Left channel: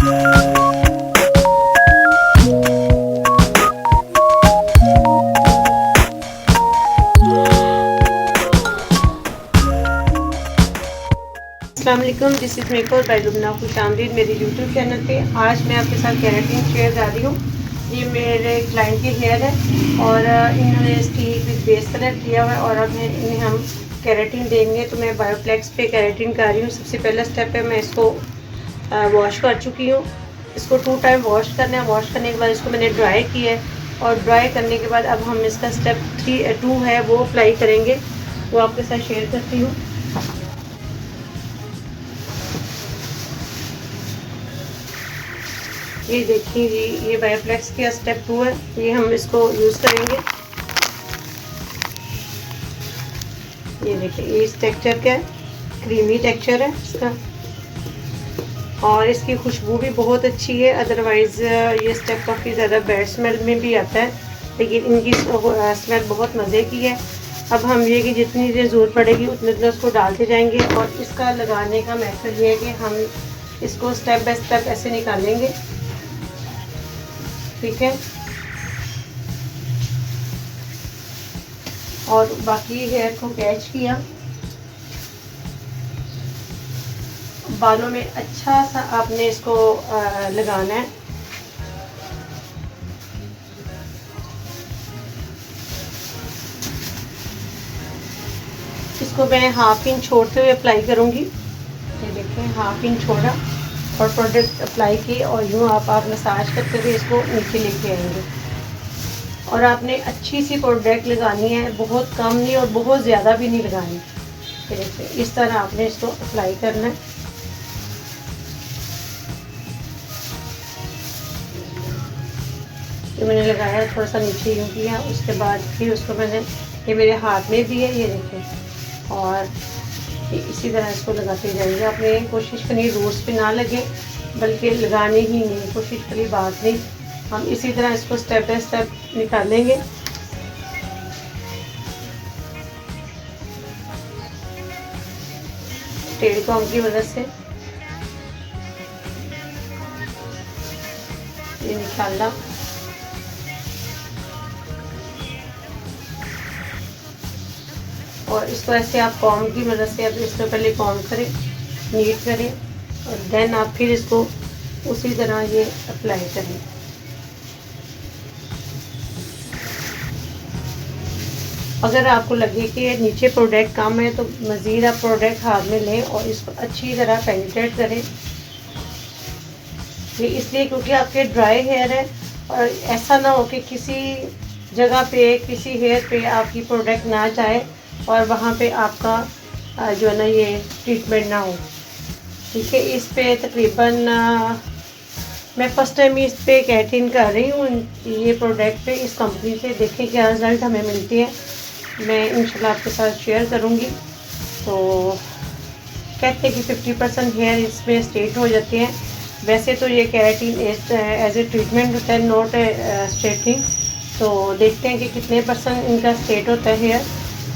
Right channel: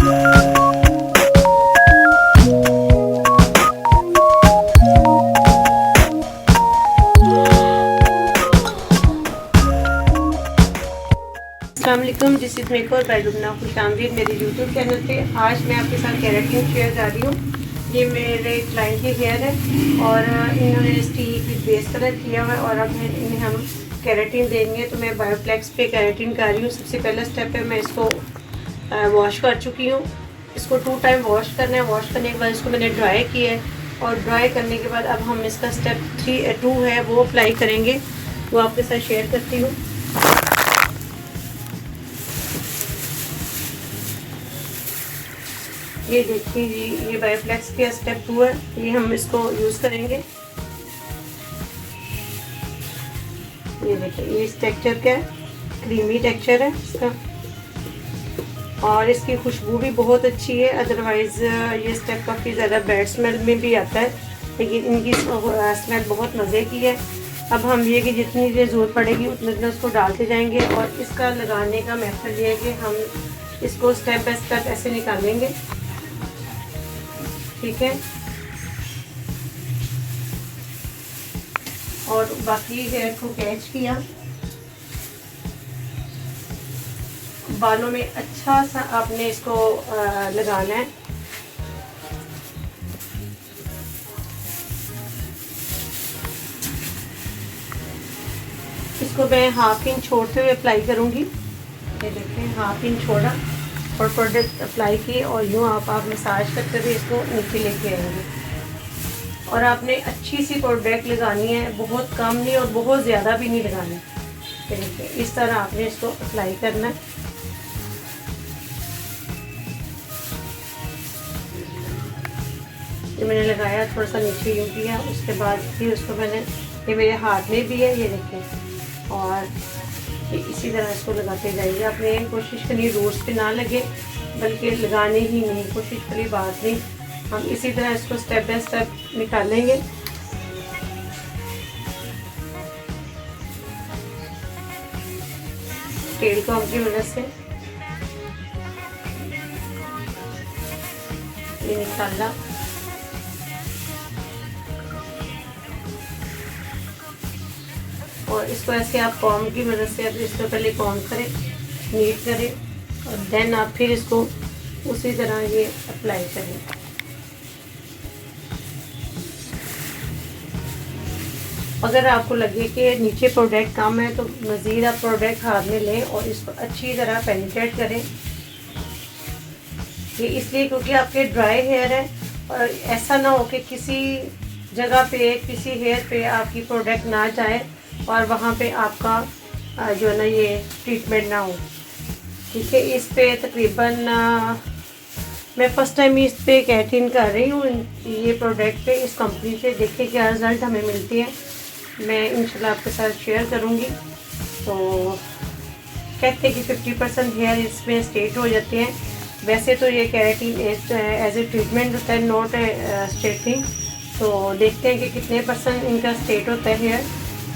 अस्सलामुअलैकुम, this is makeover by Lubna खुशामदीद मेरे यूट्यूब चैनल पे। आज मैं आपके साथ केराटिन शेयर कर रही हूँ। ये मेरे क्लाइंट की हेयर है और इन्होंने इसकी बेस कलर किया हुआ है और अब इन्हें हम केराटिन देंगे। तो मैं बायोफ्लेक्स पे केराटिन कर रही हूँ। सबसे पहला स्टेप है, मैं इसको वॉश कर चुकी हूँ। इसको 2 टाइम वॉश करना है। वॉश करने के बाद इसको मैंने ड्राई किया है और ड्राई करने के बाद अब हम इसका स्टेप 2 है वो अप्लाई करेंगे, वो आपके साथ शेयर करती हूँ। ये देखिए जी, ये बायोफ्लेक्स का स्टेप 2 है। ये हम इसको यूज़ करेंगे। ये देखिए, ये इस टेक्सचर का है, क्रीमी टेक्सचर है इसका और इसकी खुशबू भी बहुत अच्छी है। अदरवाइज़ ये स्टेप काफ़ी ज़्यादा बैड स्मेल में भी आता है, लेकिन इनकी स्मेल बहुत मज़े की है। अब हम ये कि जितनी देर ज़रूरत पड़ेगी उतने देर इसको डालते जाएंगे और इसका लगाने का मेथड ये है कि हम इसको स्टेप बाय स्टेप ऐसे निकालेंगे, ठीक है। और बाकी हेयर को कैच किया, बालों में अच्छा सा आपने इसको लगाना है। इसको मैं 1/2 इंच छोड़ते हुए अप्लाई करूँगी। ये देखें, 1/2 इंच छोड़ा और प्रोडक्ट अप्लाई की और यूँ आप मसाज करते हुए इसको नीचे लेके आएंगे। और आपने अच्छी सी प्रोडक्ट लगानी है, बहुत कम नहीं और बहुत ज़्यादा भी नहीं लगानी। देखिए, इस तरह आपने इसको अप्लाई करना है। ये मैंने लगाया, थोड़ा सा नीचे यूँ किया, उसके बाद फिर उसको मैंने, ये मेरे हाथ में भी है, ये देखिए, और इसी तरह इसको लगाते जाइए। आपने कोशिश करनी रूट्स पे ना लगे, बल्कि लगाने ही नहीं, कोशिश वाली बात नहीं। हम इसी तरह इसको स्टेप बाय स्टेप निकालेंगे। टेढ़ी कॉम की मदद से ये निकालना। और इसको ऐसे आप कॉम की मदद से अब इसको पहले कॉम करें, नीट करें और देन आप फिर इसको उसी तरह ये अप्लाई करें। अगर आपको लगे कि नीचे प्रोडक्ट कम है तो मज़ीद आप प्रोडक्ट हाथ में लें और इसको अच्छी तरह पेनिट्रेट करें। ये इसलिए क्योंकि आपके ड्राई हेयर है और ऐसा ना हो कि किसी जगह पे, किसी हेयर पे आपकी प्रोडक्ट ना जाए और वहाँ पे आपका जो है ना ये ट्रीटमेंट ना हो, ठीक है। इस पे तकरीबन मैं फ़र्स्ट टाइम इस पे केराटिन कर रही हूँ, ये प्रोडक्ट पे, इस कंपनी से। देखिए क्या रिज़ल्ट हमें मिलती है, मैं इंशाल्लाह आपके साथ शेयर करूँगी। तो कहते हैं कि 50% हेयर इसमें स्ट्रेट हो जाते हैं। वैसे तो ये केराटिन एज ए ट्रीटमेंट होता है, नॉट ए स्ट्रेटिंग। तो देखते हैं कि कितने % इनका स्ट्रेट होता है हेयर,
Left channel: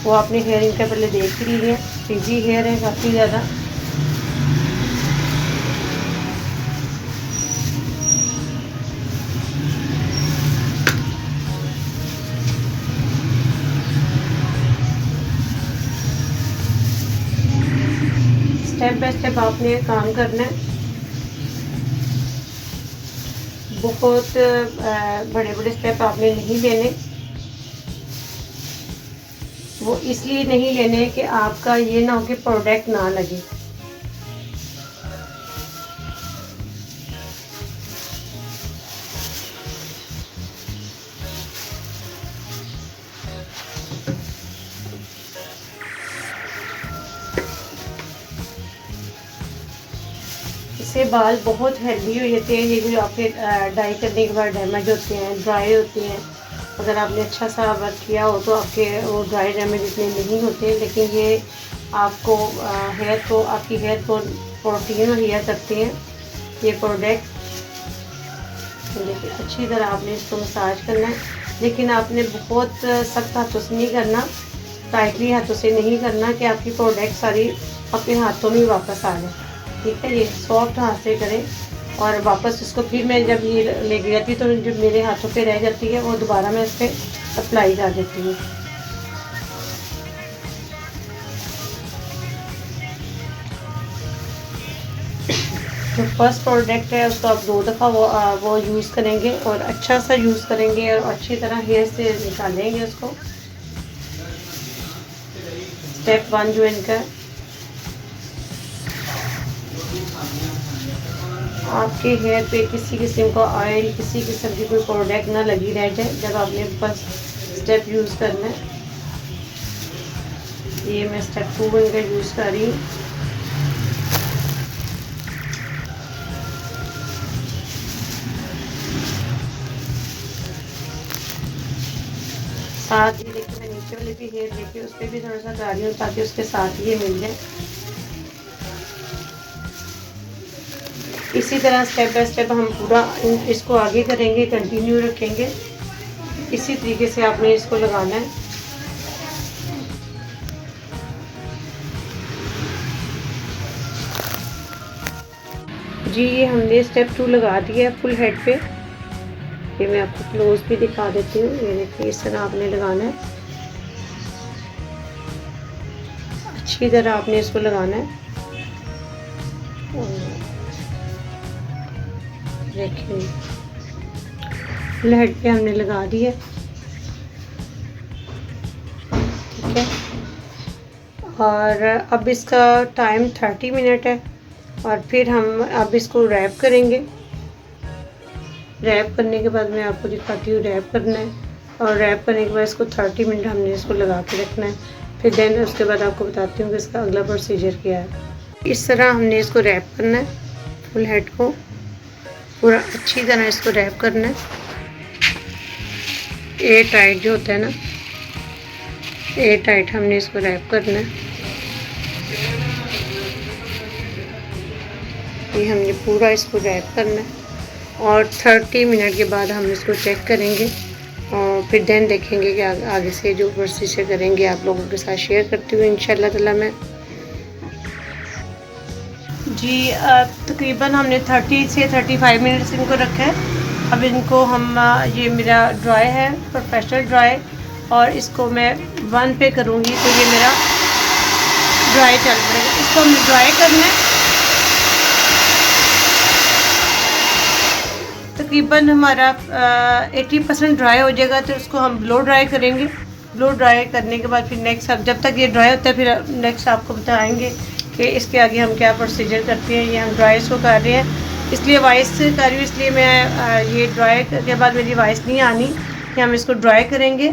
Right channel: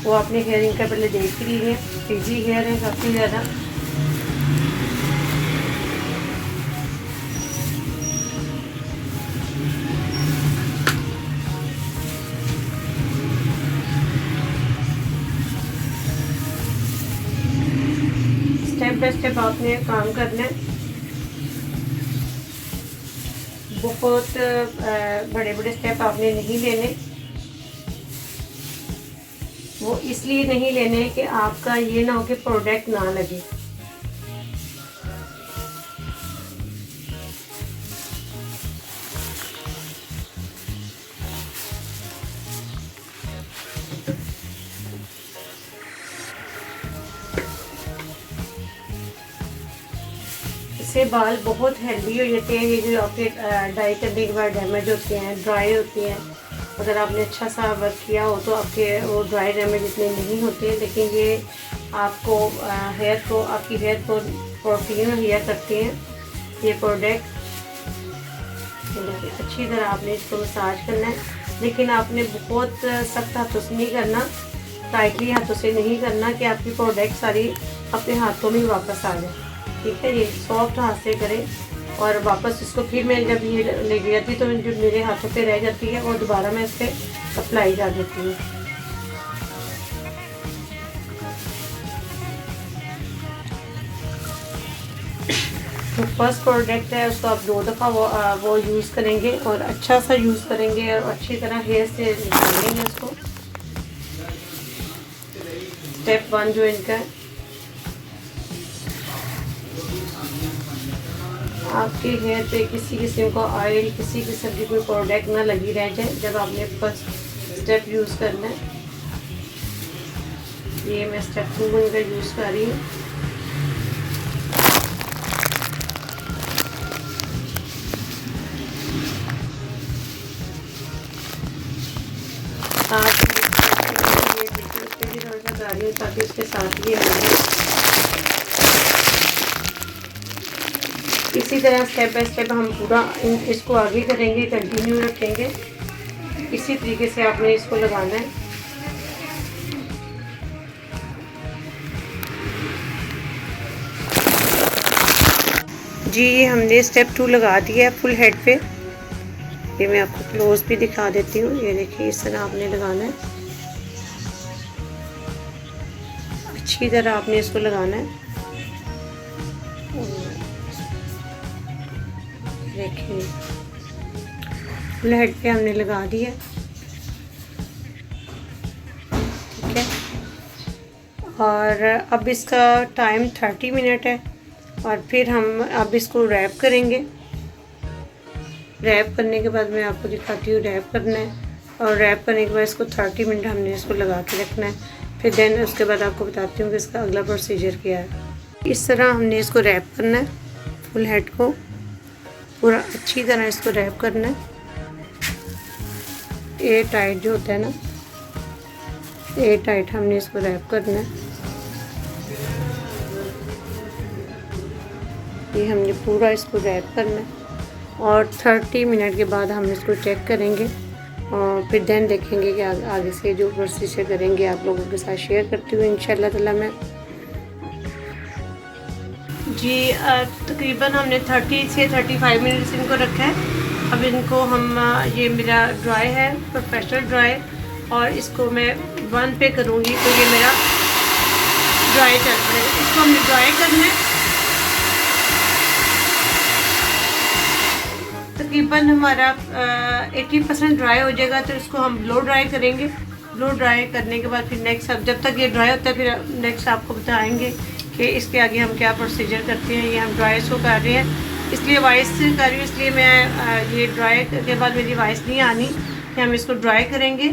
वो अपने हेयर इनका पहले देख ही लीजिए। फ्रीजी हेयर है काफ़ी ज़्यादा। स्टेप बाय स्टेप आपने काम करना है। बहुत बड़े बड़े स्टेप आपने नहीं लेने। वो इसलिए नहीं लेने कि आपका ये ना हो कि प्रोडक्ट ना लगे। इससे बाल बहुत हेल्दी हो जाते हैं। ये जो आपके डाई करने के बाद डैमेज होते हैं, ड्राई होते हैं, अगर आपने अच्छा सा वर्क किया हो तो आपके वो ड्राई डैमेज इतने नहीं होते हैं। लेकिन ये आपको हेयर को, आपकी हेयर को प्रोटीन मुहैया करते हैं ये प्रोडक्ट। अच्छी तरह आपने इसको मसाज करना है, लेकिन आपने बहुत सख्त हाथों से नहीं करना, टाइटली हाथों से नहीं करना कि आपकी प्रोडक्ट सारी अपने हाथों में वापस आ जाए, ठीक है। ये सॉफ्ट हाथ से करें और वापस इसको फिर मैं जब ये लेके जाती तो जो मेरे हाथों पे रह जाती है वो दोबारा मैं इस पर अप्लाई कर देती हूँ। जो फर्स्ट प्रोडक्ट है उसको आप 2 दफ़ा वो यूज़ करेंगे और अच्छा सा यूज़ करेंगे और अच्छी तरह हेयर से निकालेंगे उसको। स्टेप 1 जो इनका है, आपके हेयर पे किसी किस्म का ऑयल, किसी किस्म की कोई प्रोडक्ट ना लगी रह जाए जब आपने फर्स्ट स्टेप यूज़ करना है। ये मैं स्टेप 2 इनका यूज़ कर रही हूँ। साथ ये देखिए उस पर भी थोड़ा सा कर रही हूँ ताकि उसके साथ ये मिल जाए। इसी तरह स्टेप बाय स्टेप हम पूरा इसको आगे करेंगे, कंटिन्यू रखेंगे। इसी तरीके से आपने इसको लगाना है। जी ये हमने स्टेप 2 लगा दिया है फुल हेड पे। ये मैं आपको क्लोज भी दिखा देती हूँ। ये देखिए इस तरह आपने लगाना है, अच्छी तरह आपने इसको लगाना है। देखिए फुल हेड पे हमने लगा दिया, ठीक है। और अब इसका टाइम 30 मिनट है और फिर हम अब इसको रैप करेंगे। रैप करने के बाद मैं आपको दिखाती हूँ रैप करना है। और रैप करने के बाद इसको 30 मिनट हमने इसको लगा के रखना है। फिर देन उसके बाद आपको बताती हूँ कि इसका अगला प्रोसीजर क्या है। इस तरह हमने इसको रैप करना है, फुल हेड को पूरा अच्छी तरह इसको रैप करना है। एयर टाइट जो होता है ना, एयर टाइट हमने इसको रैप करना है। ये हमने पूरा इसको रैप करना है और 30 मिनट के बाद हम इसको चेक करेंगे और फिर देन देखेंगे कि आगे से जो प्रोसीजर करेंगे आप लोगों के साथ शेयर करती हूँ इंशाल्लाह ताला मैं। जी तकरीबन हमने 30 से 35 मिनट्स इनको रखा है। अब इनको हम ये मेरा ड्राई है, प्रोफेशनल ड्राई, और इसको मैं 1 पे करूँगी तो ये मेरा ड्राई चल रहा है। इसको हमने ड्राई करना है। तकरीबन हमारा 80% ड्राई हो जाएगा तो इसको हम ब्लो ड्राई करेंगे। ब्लो ड्राई करने के बाद फिर नेक्स्ट अब जब तक ये ड्राई होता है फिर नेक्स्ट आपको बताएंगे कि इसके आगे हम क्या प्रोसीजर करते हैं। ये हम ड्राई इसको कर रहे हैं, इसलिए वॉइस कर रही हूँ, इसलिए मैं ये ड्राई के बाद मेरी वॉइस नहीं आनी कि हम इसको ड्राई करेंगे।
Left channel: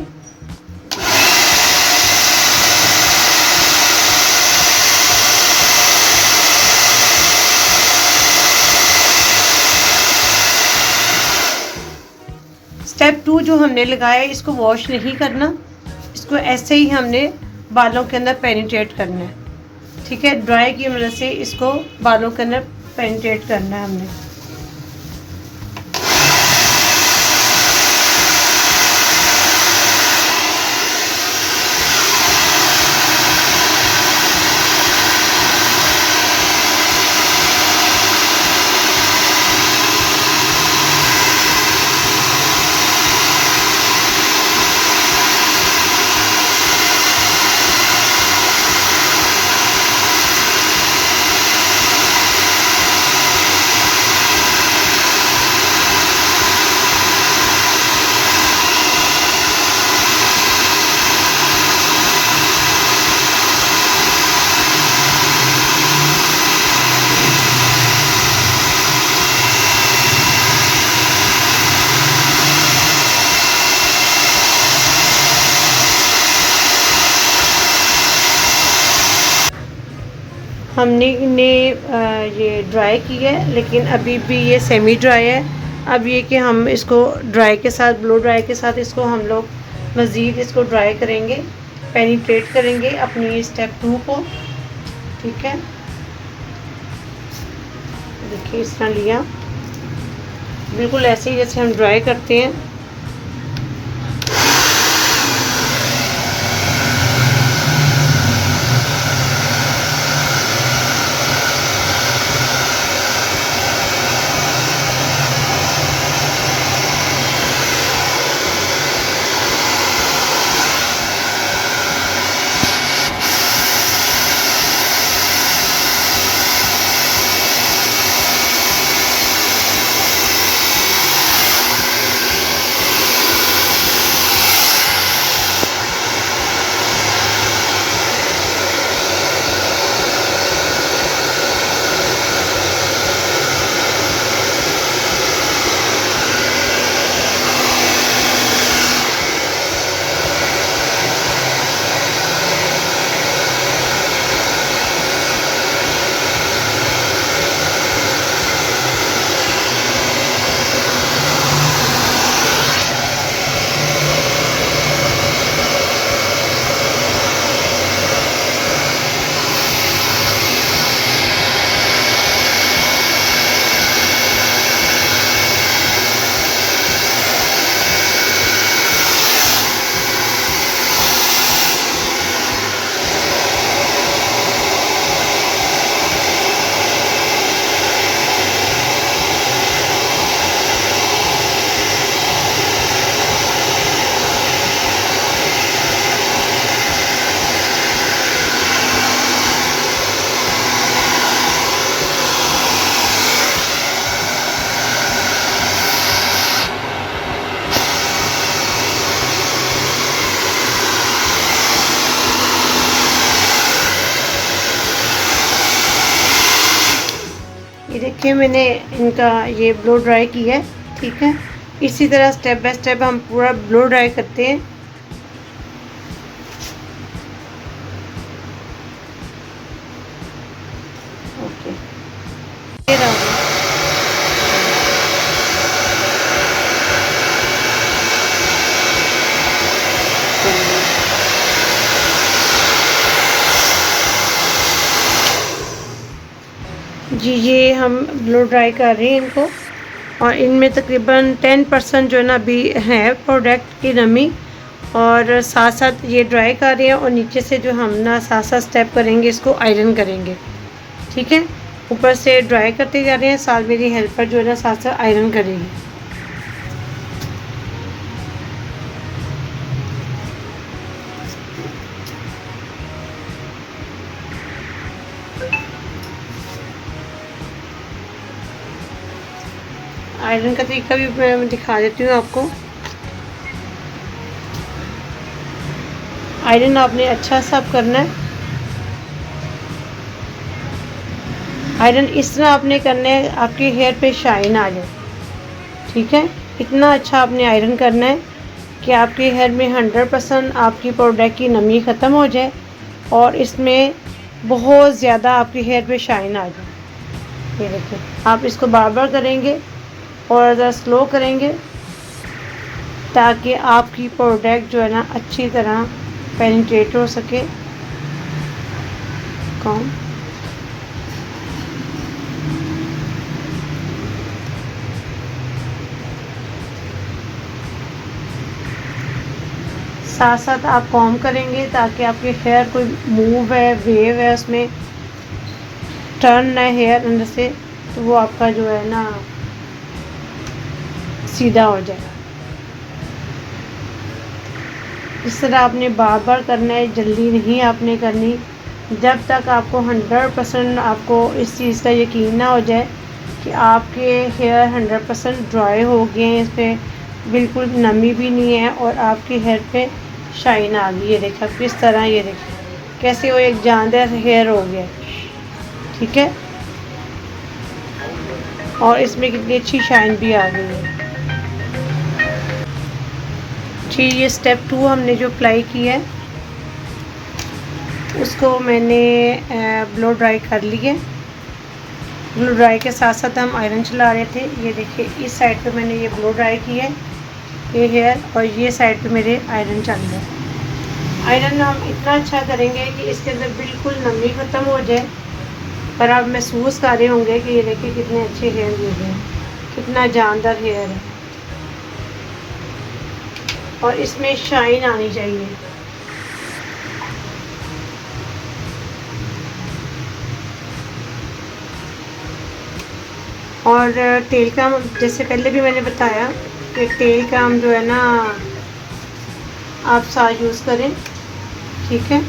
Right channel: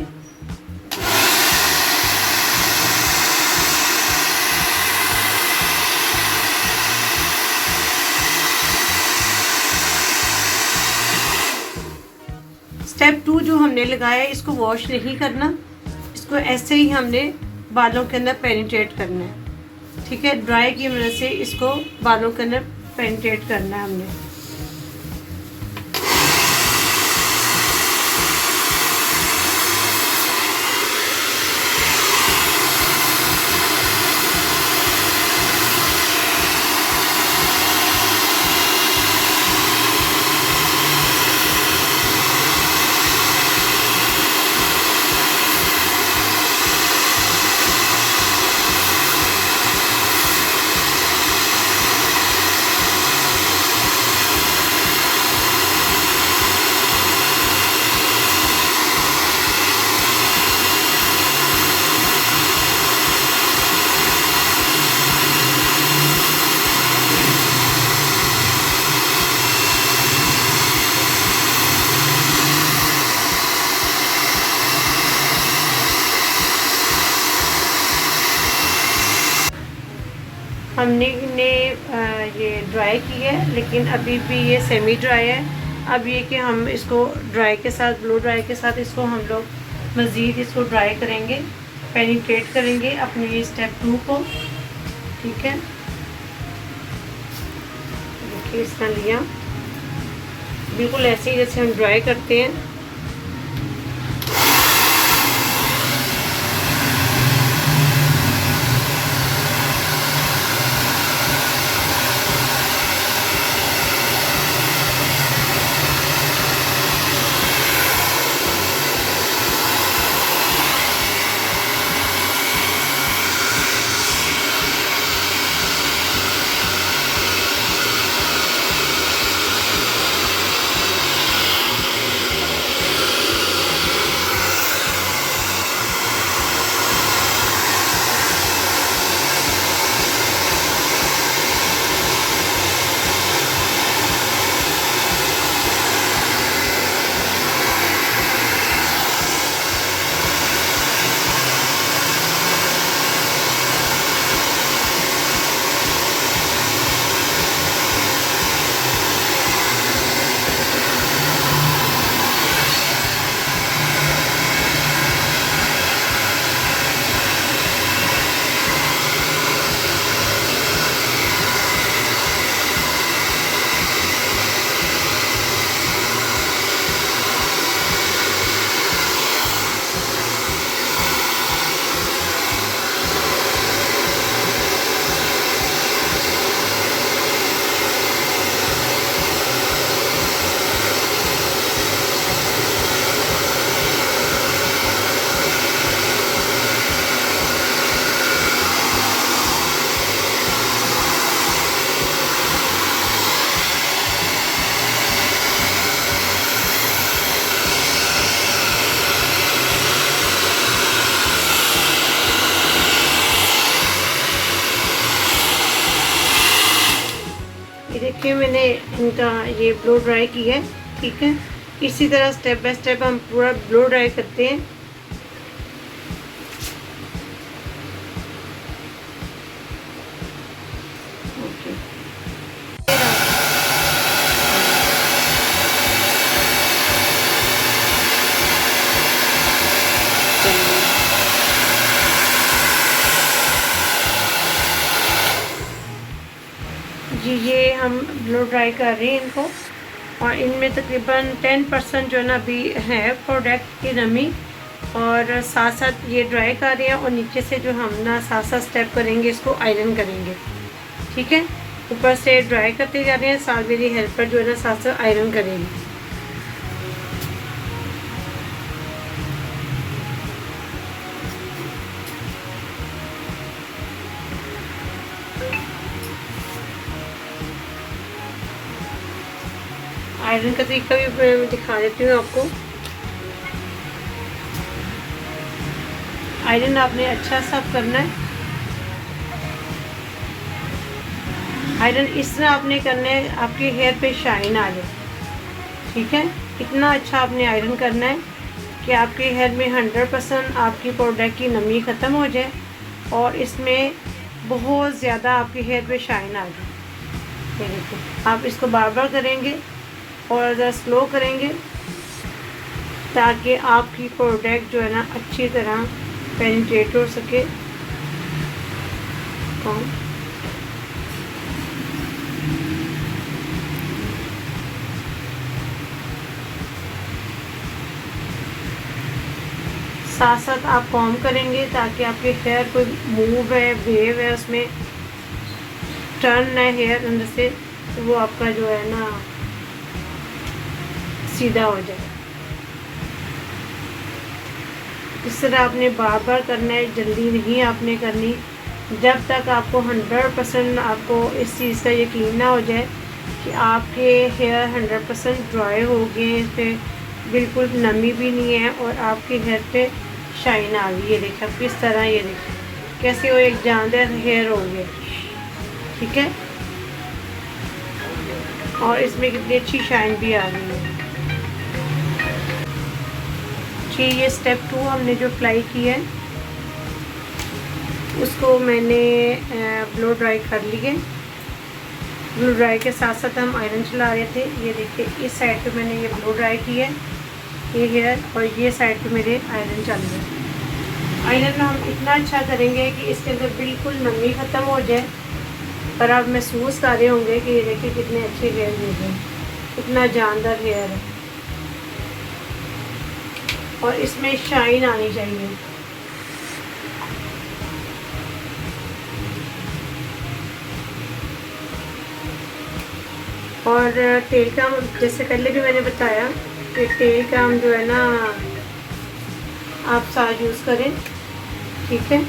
स्टेप 2 जो हमने लगाया है इसको वॉश नहीं करना, इसको ऐसे ही हमने बालों के अंदर पेनिट्रेट करना है, ठीक है। ड्राई की वजह से इसको बालों के अंदर पेनिट्रेट करना है हमने। हमने ये ड्राई की है लेकिन अभी भी ये सेमी ड्राई है। अब ये कि हम इसको ड्राई के साथ, ब्लो ड्राई के साथ इसको हम लोग मज़ीद इसको ड्राई करेंगे, पेनिट्रेट करेंगे अपनी स्टेप 2 को, ठीक है। देखिए इस तरह लिया, बिल्कुल ऐसे ही जैसे हम ड्राई करते हैं। देखिए मैंने इनका ये ब्लो ड्राई किया है, ठीक है। इसी तरह स्टेप बाय स्टेप हम पूरा ब्लो ड्राई करते हैं। ओके, जी ये हम ब्लो ड्राई कर रहे हैं इनको, और इनमें तकरीबन 10% जो है ना अभी है प्रोडक्ट की नमी, और साथ साथ ये ड्राई कर रहे हैं, और नीचे से जो हम ना साथ साथ स्टेप करेंगे इसको आयरन करेंगे, ठीक है। ऊपर से ड्राई करते जा रहे हैं, साथ मेरी हेल्पर जो है ना साथ साथ आयरन करेगी। आयरन का तरीका भी मैं दिखा देती हूँ आपको। आयरन आपने अच्छा सा करना है। आयरन इस तरह आपने करना है आपके हेयर पे शाइन आ जाए, ठीक है। इतना अच्छा आपने आयरन करना है कि आपके हेयर में 100% आपकी प्रोडक्ट की नमी ख़त्म हो जाए, और इसमें बहुत ज़्यादा आपके हेयर पे शाइन आ जाए। ये देखिए, आप इसको बार बार करेंगे और ज़रा स्लो करेंगे, ताकि आपकी प्रोडक्ट जो है ना अच्छी तरह पेनिट्रेट हो सके। कौन साथ साथ आप कॉम करेंगे ताकि आपके हेयर कोई मूव है, वेव है, उसमें टर्न है हेयर अंदर से, तो वो आपका जो है ना सीधा हो जाएगा। इस तरह आपने बार बार करना है, जल्दी नहीं आपने करनी। जब तक आपको 100% आपको इस चीज़ का यकीन ना हो जाए कि आपके हेयर 100% ड्राई हो गए हैं, इस पर बिल्कुल नमी भी नहीं है, और आपके हेयर पे शाइन आ गई। ये देखिए किस तरह, ये देखिए कैसे वो एक जानदार हेयर हो गया, ठीक है। और इसमें कितनी अच्छी शाइन भी आ गई है। ठीक, ये स्टेप 2 हमने जो अप्लाई किया है उसको मैंने ब्लो ड्राई कर लिए। ब्लो ड्राई के साथ साथ हम आयरन चला रहे थे। ये देखिए इस साइड पे मैंने ये ब्लो ड्राई किया है, ये हेयर, और ये साइड पे मेरे आयरन चल रहा है। आयरन हम इतना अच्छा करेंगे कि इसके अंदर बिल्कुल नमी ख़त्म हो जाए, पर आप महसूस कर रहे होंगे कि ये देखिए कितने अच्छे हेयर हो गए, कितना जानदार हेयर है, और इसमें शाइन आनी चाहिए। और तेल का, जैसे पहले भी मैंने बताया कि तेल का हम जो है ना आप साथ यूज़ करें, ठीक है,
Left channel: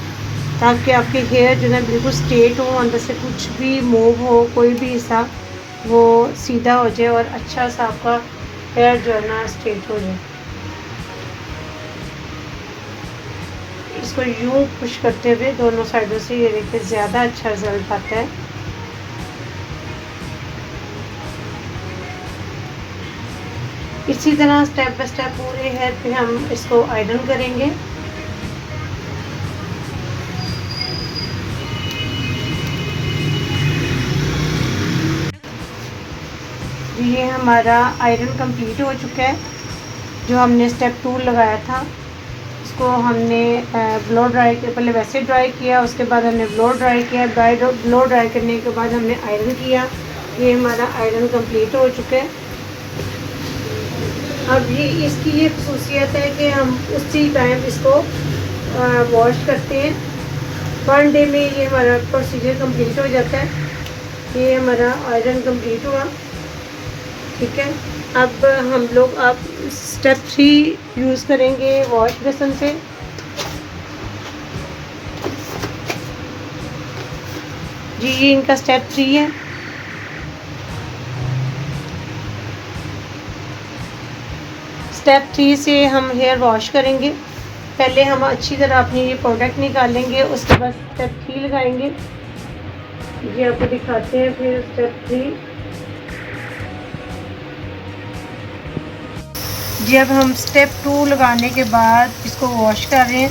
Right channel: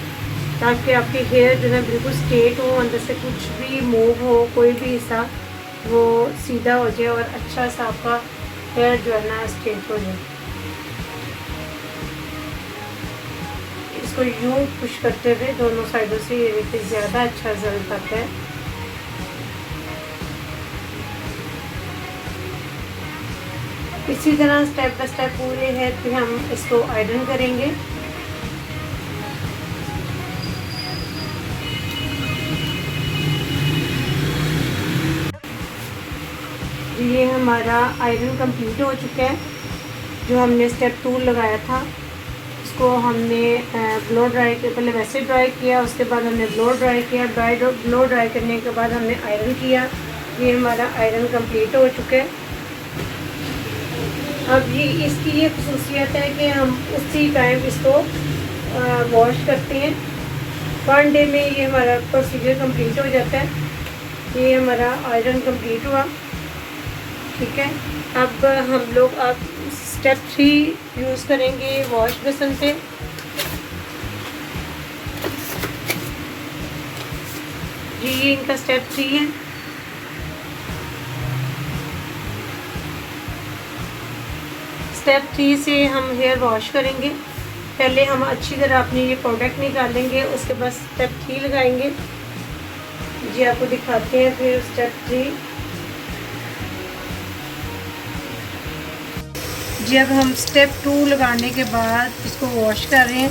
ताकि आपके हेयर जो है बिल्कुल स्ट्रेट हो, अंदर से कुछ भी मूव हो, कोई भी हिस्सा वो सीधा हो जाए, और अच्छा सा आपका हेयर जो है ना स्ट्रेट हो जाए। इसको यूँ पुश करते हुए दोनों साइडों से, ये देखिए ज़्यादा अच्छा रिजल्ट आता है। इसी तरह स्टेप बाय स्टेप पूरे हेयर पे हम इसको आयरन करेंगे। ये हमारा आयरन कंप्लीट हो चुका है। जो हमने स्टेप 2 लगाया था उसको हमने ब्लो ड्राई के पहले वैसे ड्राई किया, उसके बाद हमने ब्लो ड्राई किया, ब्लो ड्राई करने के बाद हमने आयरन किया। ये हमारा आयरन कंप्लीट हो चुका है। अब ये इसकी ये खसूसियत है कि हम उसी टाइम इसको वॉश करते हैं। 1 डे में ये हमारा प्रोसीजर कंप्लीट हो जाता है। ये हमारा आयरन कंप्लीट हुआ, ठीक है। अब हम लोग अब स्टेप 3 यूज़ करेंगे वॉश बेसन से। जी ये इनका स्टेप 3 है। स्टेप 3 से हम हेयर वॉश करेंगे। पहले हम अच्छी तरह अपनी ये प्रोडक्ट निकालेंगे, उसके बाद स्टेप 3 लगाएंगे। जी आपको दिखाते हैं फिर स्टेप 3। जी अब हम स्टेप 2 लगाने के बाद इसको वॉश कर रहे हैं।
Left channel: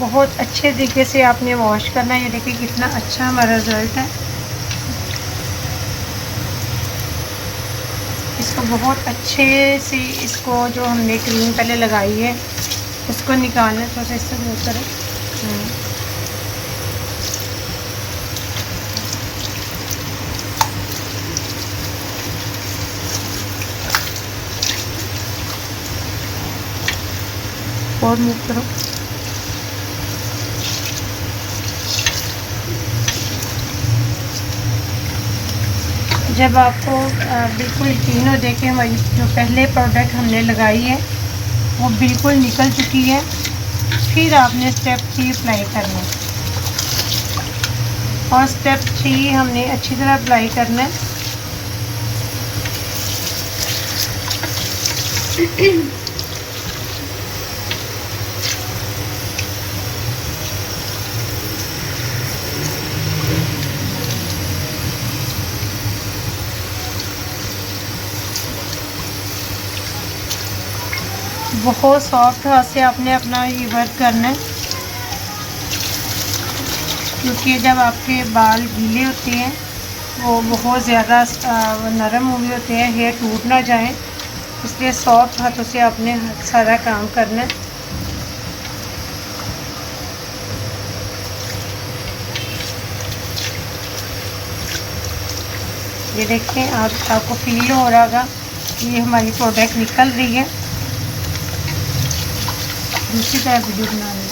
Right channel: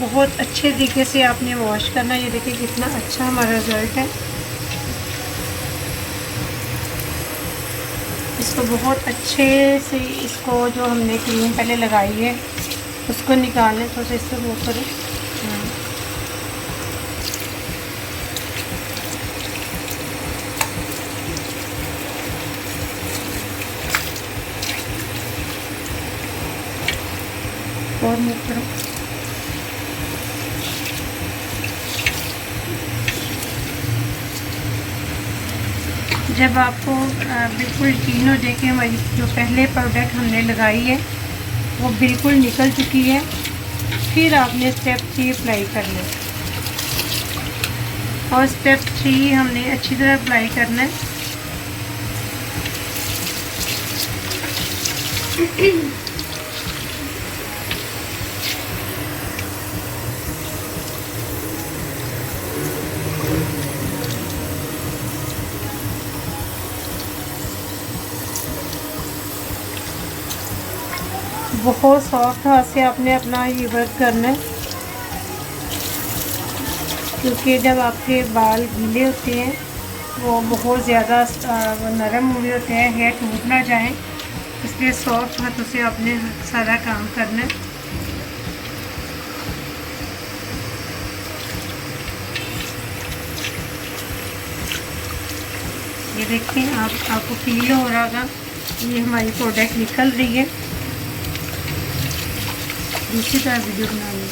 बहुत अच्छे तरीके से आपने वॉश करना है। ये देखिए कितना अच्छा हमारा रिज़ल्ट है। इसको बहुत अच्छे से इसको जो हमने क्रीम पहले लगाई है उसको निकालना, थोड़ा सा इससे वो करें। और मूव करो। जब आपको बिल्कुल यकीन हो जाए कि हमारी जो पहले प्रोडक्ट हमने लगाई है वो बिल्कुल निकल चुकी है, फिर आपने स्टेप 3 अप्लाई करना है। और स्टेप 3 हमने अच्छी तरह अप्लाई करना है। बहुत सॉफ्ट हाथ से आपने अपना ये वर्क करना है, क्योंकि जब आपके बाल गीले होते हैं वो बहुत ज़्यादा नरम हो गए होते हैं, हेयर टूट ना जाए, इसलिए सॉफ्ट हाथों से आपने सारा काम करना है। ये देखें, आपको फील हो रहा होगा ये हमारी प्रोडक्ट निकल रही है। दूसरी तरफ भी बना लें,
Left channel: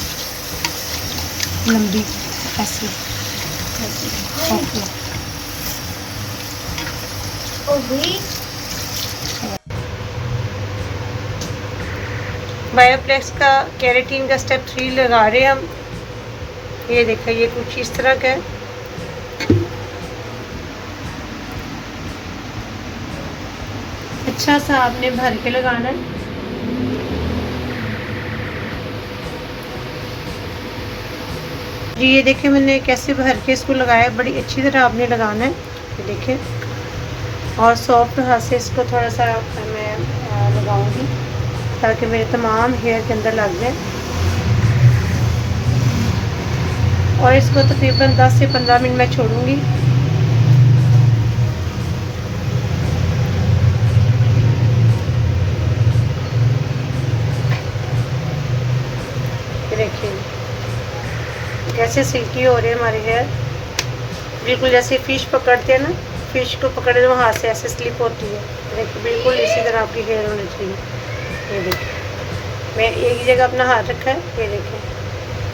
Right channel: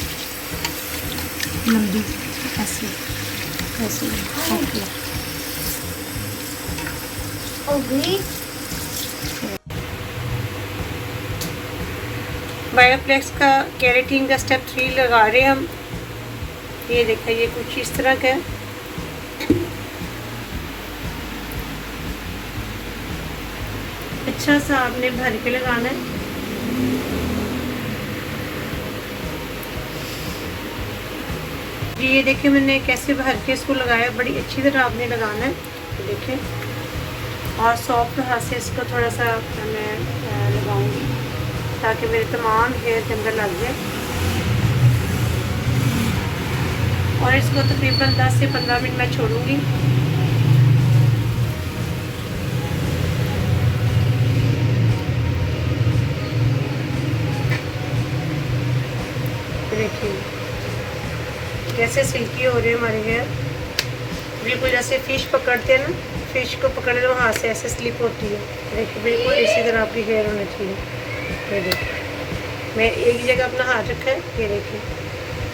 लंबी ऐसे ऐसे। बायोफ्लेक्स का केराटिन का स्टेप 3 लगा रहे हैं हम। ये देखा, ये कुछ इस तरह का है। अच्छा सा आपने भर के लगाना है। जी ये देखिए मैंने कैसे भर के इसको लगाया, बड़ी अच्छी तरह आपने लगाना है। ये देखिए, और सॉफ्ट हाथ से इसको थोड़ा सा मैं लगाऊंगी ताकि मेरे तमाम हेयर के अंदर लग जाए। और इसको तकरीबन 10 से 15 मिनट मैं छोड़ूंगी। देखिए कैसे सिल्की हो रहे हैं हमारे हेयर, बिल्कुल जैसे फ़िश पकड़ते हैं ना, फ़िश को पकड़ने में हाथ से ऐसे स्लिप होती है। देखिए बिल्कुल इसी तरह आपकी हेयर होनी चाहिए। ये देखिए मैं एक जगह अपना हाथ रखा है, ये देखिए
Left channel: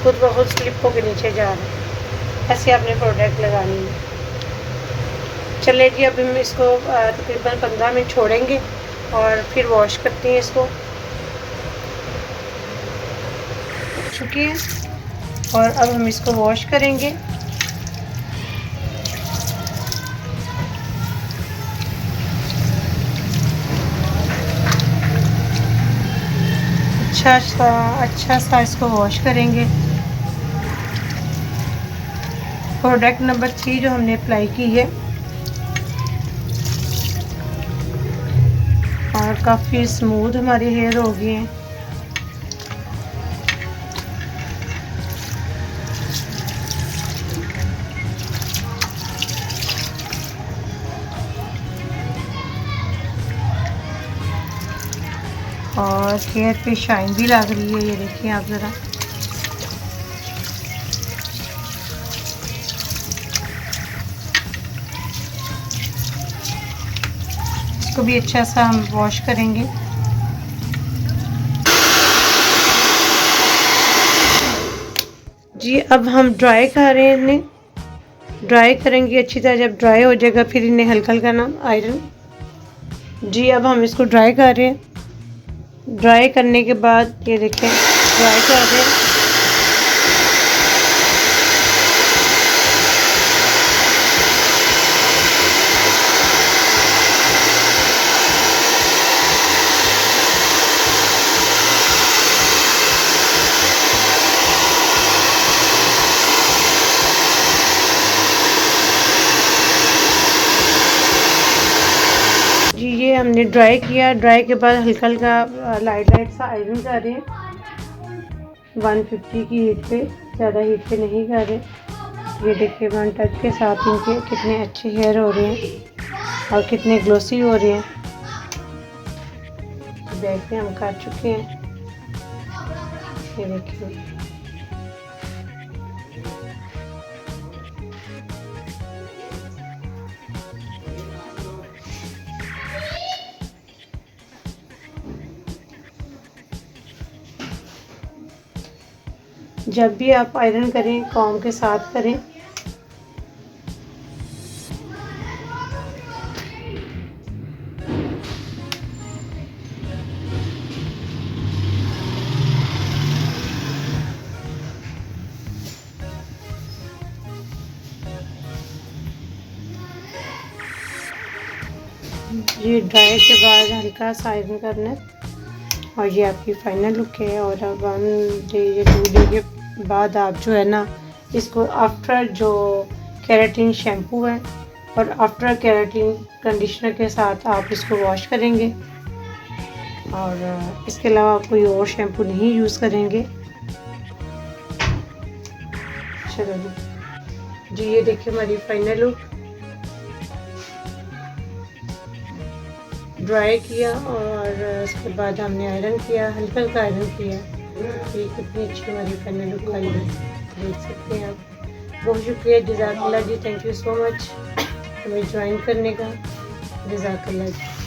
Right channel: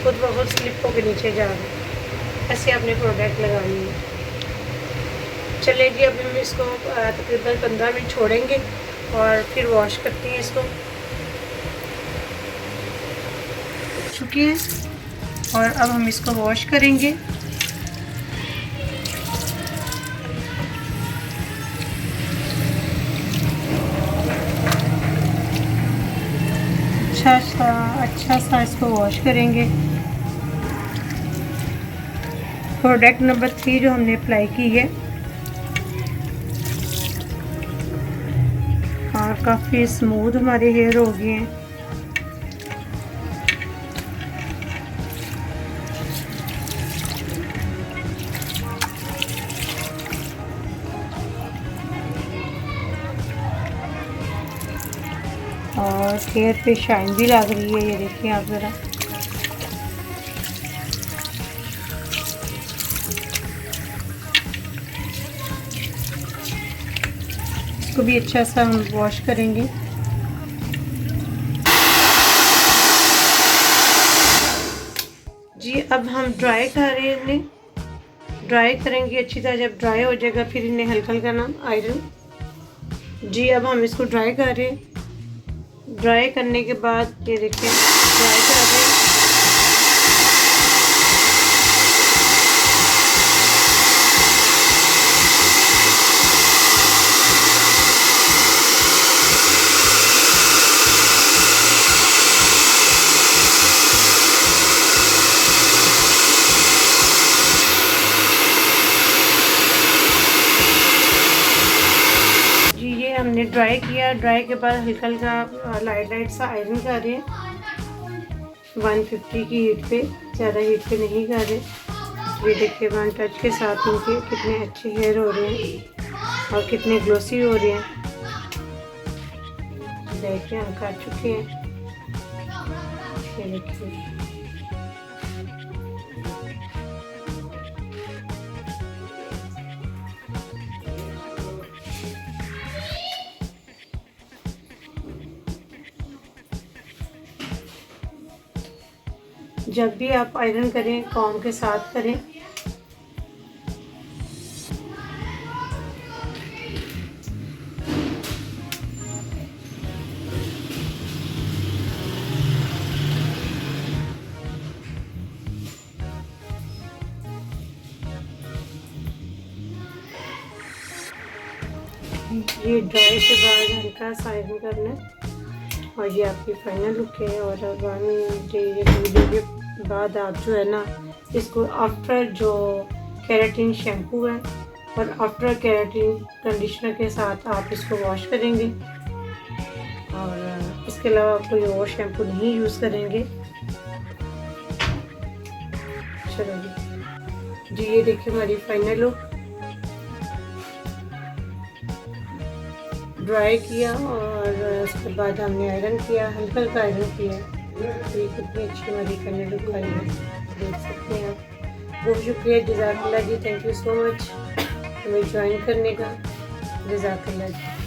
खुद बहुत स्लिप होकर नीचे जा रहा है। ऐसे आपने प्रोडक्ट लगानी है। चलिए जी अब हम इसको तकरीबन 15 मिनट छोड़ेंगे और फिर वॉश करते हैं इसको। चुकी है और अब हम इसको वॉश करेंगे। अच्छा सा इसको वॉश करेंगे। प्रोडक्ट नंबर 3 जो हमने अप्लाई की है, और काफ़ी स्मूथ हमारे हेयर हो गए हैं। और हेयर पे शाइन भी लग रही है, ये देखिए आप ज़रा। इसको भी अच्छा सा हम वॉश करेंगे। जी अब हम ड्राई कर रहे हैं, इन्हें ड्राई करेंगे अच्छी तरह। जब ड्राई हो जाएगा फिर इन्हें हल्का हल्का ना आयरन। जी अब हम इसको ड्राई कर रहे हैं। ड्राई करने के बाद ये देखें ड्राई कर रहे हैं। हमने ड्राई किया। ड्राई के बाद हल्का हल्का लाइट सा आयरन कर रहे हैं 150 की हीट पे, ज़्यादा हीट पे नहीं कर रहे। ये देखिए वन टच के साथ इनके कितने अच्छे हेयर हो रहे हैं और कितने ग्लोसी हो रहे हैं। देखिए हम कर चुके हैं, ये देखिए। जब भी आप आयरन करें कॉम के साथ करें। ये ड्राई के बाद हल्का सा आयरन करना है और ये आपकी फाइनल लुक है। और अब 1 डे या 2 डे के बाद आप जो है ना इसको आफ्टर जो केराटिन शैम्पू है और आफ्टर केराटिन कंडीशनर के साथ आप इसको वॉश करेंगे और इसके अलावा आप कोई और शैम्पू नहीं यूज़ करेंगे। चलो जी, ये देखिए हमारी फाइनल लुक। ड्राई किया और उसके बाद हमने आयरन किया, हल्का हल्का आयरन किया। ये कितनी अच्छी हमारी फाइनल लुक आई है, देख सकते हैं आप। बहुत शुक्रिया, जज़ाकल्लाह जी, थैंक यू सो मच हमें ज्वाइन करने का। जज़ाकल्लाह जी।